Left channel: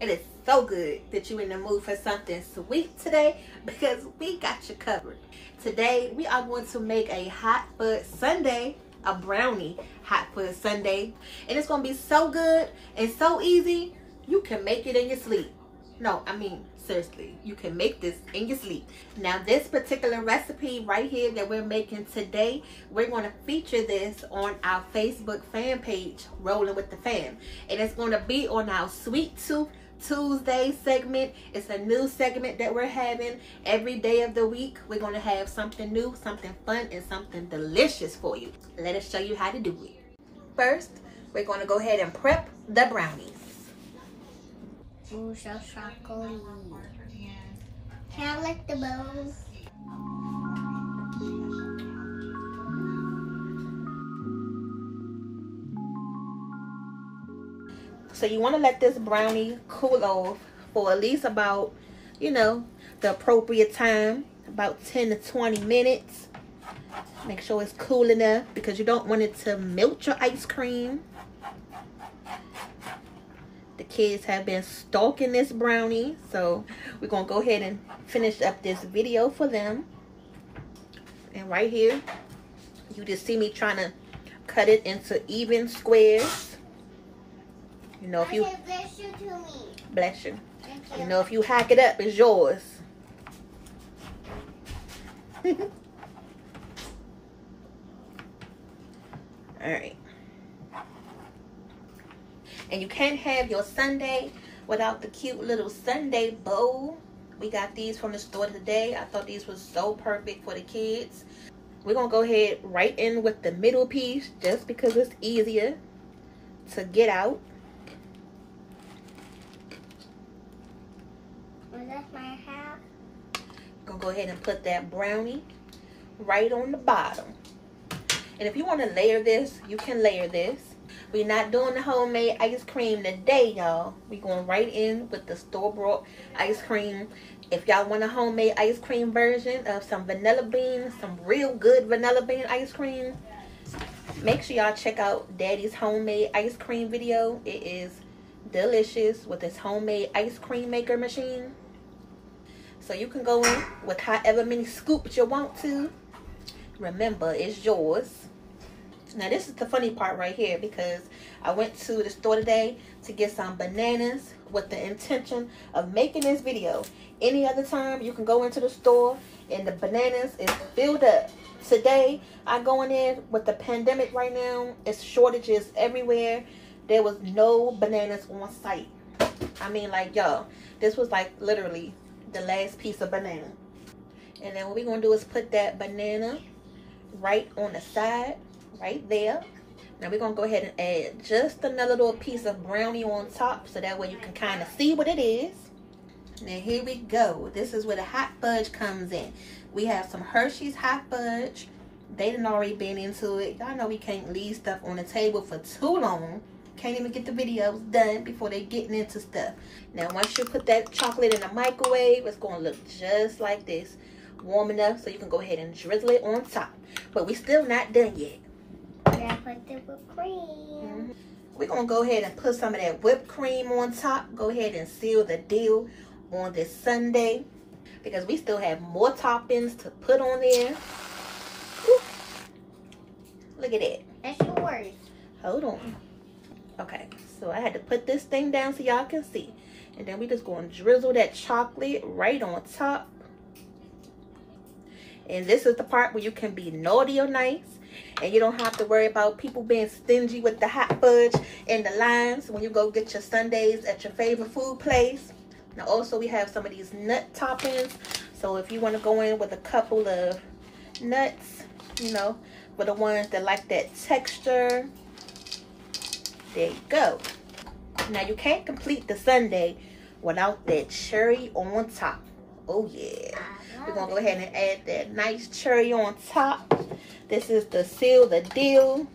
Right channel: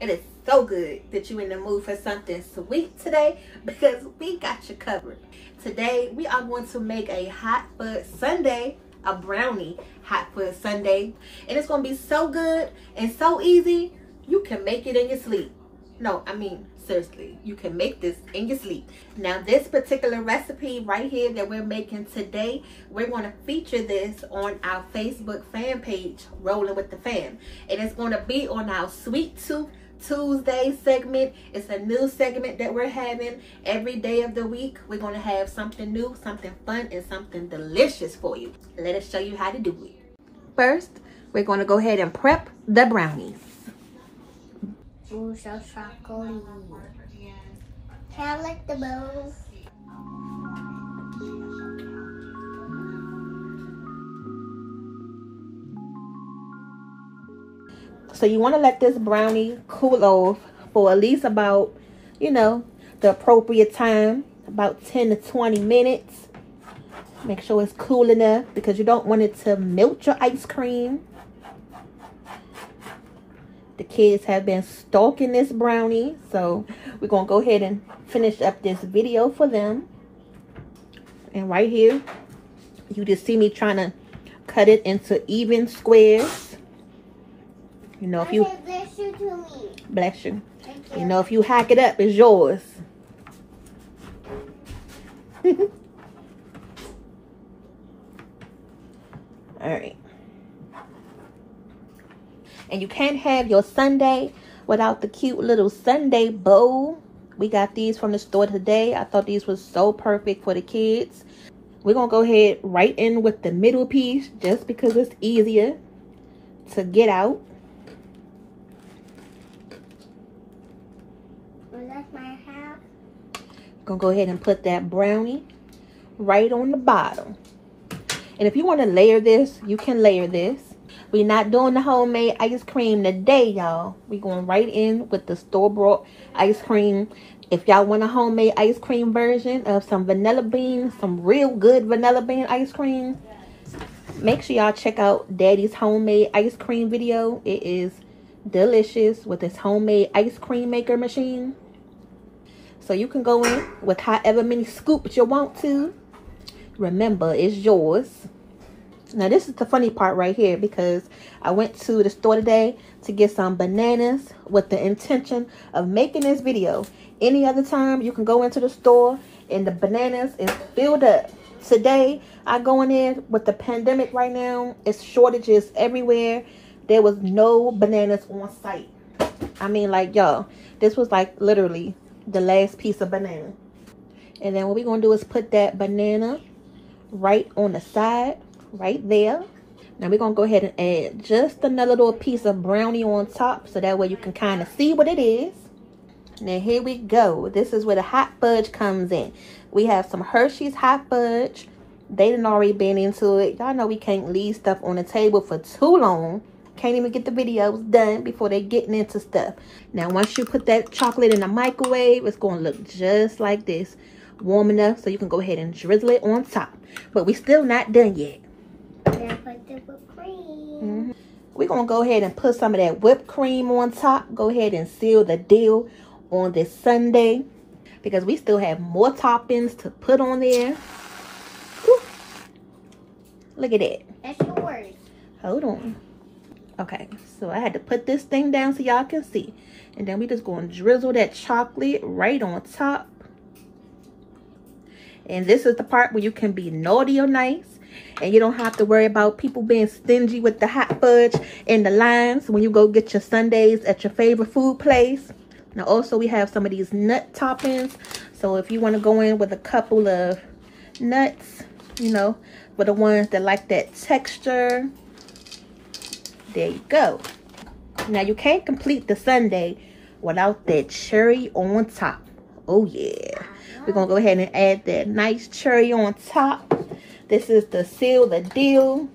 It is so good that you're in the mood for something sweet today, because we got you covered. Today, we are going to make a hot fudge sundae, a brownie hot fudge sundae. And it's going to be so good and so easy, you can make it in your sleep. No, I mean, seriously, you can make this in your sleep. Now, this particular recipe right here that we're making today, we're going to feature this on our Facebook fan page, Rolling with the Fam. And it's going to be on our Sweet Tooth Tuesday segment. It's a new segment that we're having every day of the week. We're going to have something new, something fun, and something delicious for you. Let us show you how to do it. First, we're going to go ahead and prep the brownies. Ooh, so chocolatey. Can I lick the bowl? So you want to let this brownie cool off for at least about, you know, the appropriate time, about 10 to 20 minutes. Make sure it's cool enough because you don't want it to melt your ice cream. The kids have been stalking this brownie, so we're going to go ahead and finish up this video for them. And right here, you just see me trying to cut it into even squares. You know, if you... Bless you to me. Bless you. Thank you. You know, if you hack it up, it's yours. Alright. And you can't have your sundae without the cute little sundae bowl. We got these from the store today. I thought these was so perfect for the kids. We're going to go ahead right in with the middle piece just because it's easier to get out. Well, that's my hat. Going to go ahead and put that brownie right on the bottom. And if you want to layer this, you can layer this. We're not doing the homemade ice cream today, y'all. We're going right in with the store-bought ice cream. If y'all want a homemade ice cream version of some vanilla beans, some real good vanilla bean ice cream, make sure y'all check out Daddy's homemade ice cream video. It is delicious with his homemade ice cream maker machine. So you can go in with however many scoops you want to. Remember, it's yours. Now this is the funny part right here, because I went to the store today to get some bananas with the intention of making this video. Any other time you can go into the store and the bananas is filled up. Today I go in there with the pandemic right now. It's shortages everywhere. There was no bananas on site. I mean, like, y'all, this was like literally the last piece of banana. And then what we're gonna do is put that banana right on the side. Right there. Now we're gonna go ahead and add just another little piece of brownie on top, so that way you can kind of see what it is. Now here we go. This is where the hot fudge comes in. We have some Hershey's hot fudge. They done already been into it. Y'all know we can't leave stuff on the table for too long. Can't even get the videos done before they getting into stuff. Now once you put that chocolate in the microwave, it's gonna look just like this. Warm enough so you can go ahead and drizzle it on top. But we still not done yet. Put the whipped cream. We're going to go ahead and put some of that whipped cream on top. Go ahead and seal the deal on this sundae, because we still have more toppings to put on there. Whew. Look at that. That's yours. Hold on. Okay, so I had to put this thing down so y'all can see. And then we just going to drizzle that chocolate right on top. And this is the part where you can be naughty or nice. And you don't have to worry about people being stingy with the hot fudge and the lines when you go get your sundaes at your favorite food place. Now also we have some of these nut toppings. So if you want to go in with a couple of nuts, you know, for the ones that like that texture, there you go. Now you can't complete the sundae without that cherry on top. Oh yeah. We're going to go ahead and add that nice cherry on top. This is the seal the deal.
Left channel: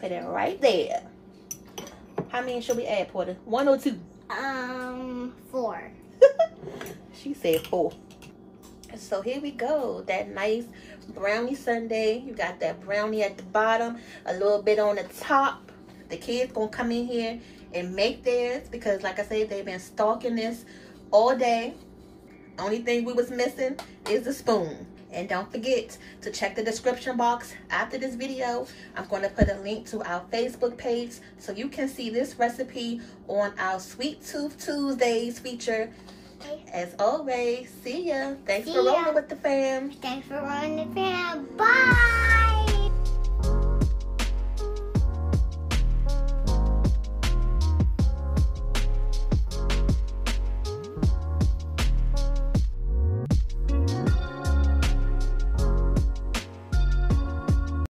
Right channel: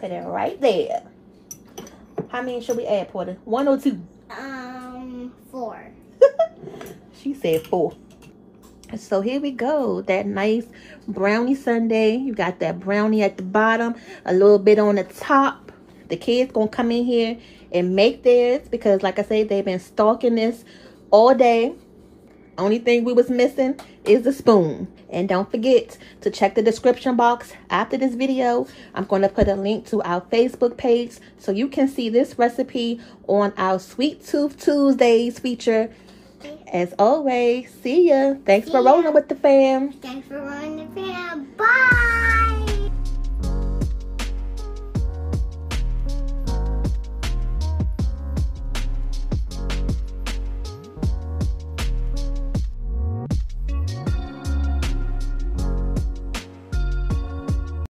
Put it right there. How many should we add, Porter? 1 or 2? 4. She said 4. So here we go. That nice brownie sundae. You got that brownie at the bottom, a little bit on the top. The kids gonna come in here and make theirs because, like I said, they've been stalking this all day. Only thing we was missing is the spoon. And don't forget to check the description box after this video. I'm going to put a link to our Facebook page so you can see this recipe on our Sweet Tooth Tuesdays feature. As always, see ya. Thanks for rolling with the fam. Thanks for rolling the fam. Bye.